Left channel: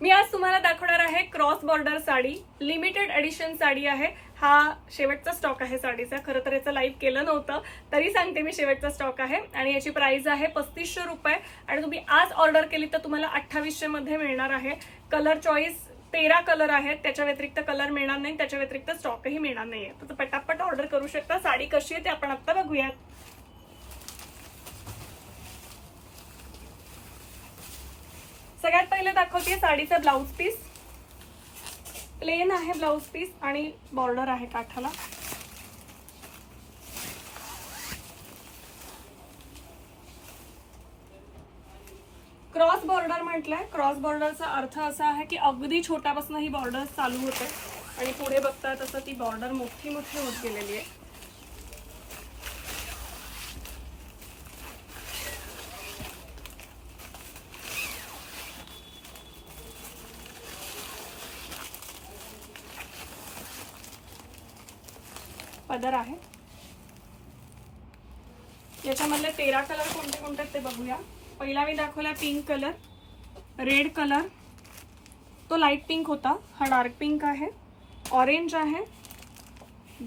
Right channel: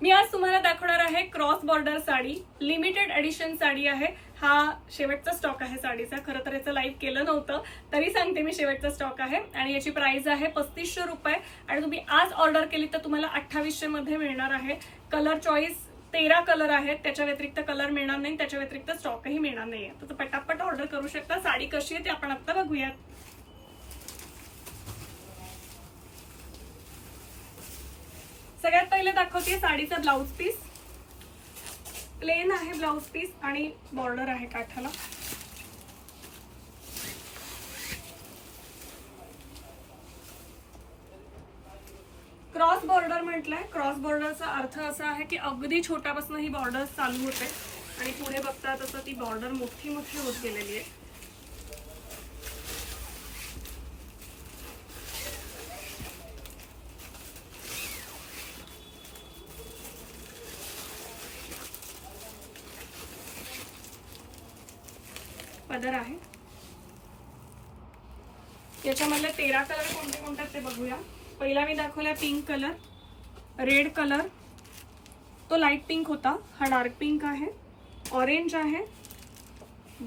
मी आज तुम्हाला दाखवणार आहे cross border sari. Limited edition sari आहे. हा शेवटचा स्टॉक आहे साडीचा. खरं तर याचं लाईव्ह केलं नव्हतं, तरी सांगते मी शेवटचा स्टॉक आहे आणि याची प्राइस आहे 3500 रुपये. आणि तुम्ही आज ऑर्डर केली तर तुम्हाला 2800 मध्ये मिळणार आहे. कलर चॉईस 13 कलर आहेत. त्याच्या व्यतिरिक्त कलर मिळणार नाही, त्याच्या व्यतिरिक्त स्टॉकही मिळणार नाहीये. तर पटापट ऑर्डर करू शकता. साडी कशी आहे ते आपण आता बघूयात. सगळ्यात पहिले दाखवते साडीचा ब्लाउज पीस. प्लेन आहे ब्लाउज पीस आणि बॉर्डर आहे काठाला. क्रॉस बॉर्डर म्हटलंय. क्रॉस बॉर्डरचा अर्थ असा आहे की अगदी छोट्यापासून ही बॉर्डर चालू होते आणि पुढे बघता तसं ती बॉर्डर मोठी मोठी होत गेलेली आहे. पदर आहे. याच्यामधले 13 कलर कोणते कोणते ते बघूया. पहिला मी दाखवला पिंक कलर, रेड कलर, तो लाईट पिंक होता, हा डार्क पिंक आहे, ऑरेंज आहे,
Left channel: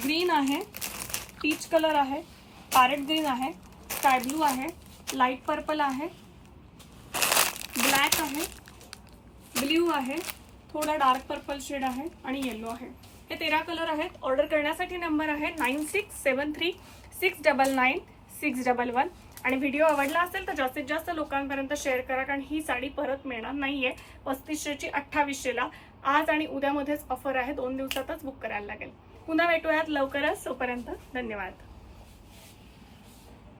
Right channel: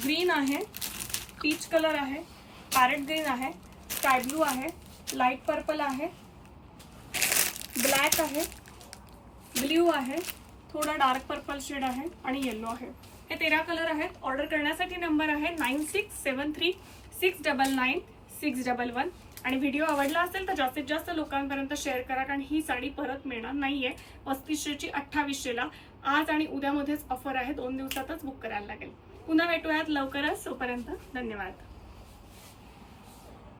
ग्रीन आहे, पीच कलर आहे, पॅरेट ग्रीन आहे, स्काय ब्लू आहे, लाईट पर्पल आहे, ब्लॅक आहे, ब्ल्यू आहे, थोडा डार्क पर्पल शेड आहे आणि येलो आहे. हे 13 कलर आहेत. ऑर्डर करण्यासाठी नंबर आहे 9673699611. आणि व्हिडिओ आवडला असेल तर जास्तीत जास्त लोकांपर्यंत शेअर करा, कारण ही साडी परत मिळणार नाहीये. 3500 ची 2800 ला. आज आणि उद्यामध्येच ऑफर आहे. 2 दिवसातच बुक करायला लागेल. पुन्हा भेटूयात लवकरच. तोपर्यंत धन्यवाद.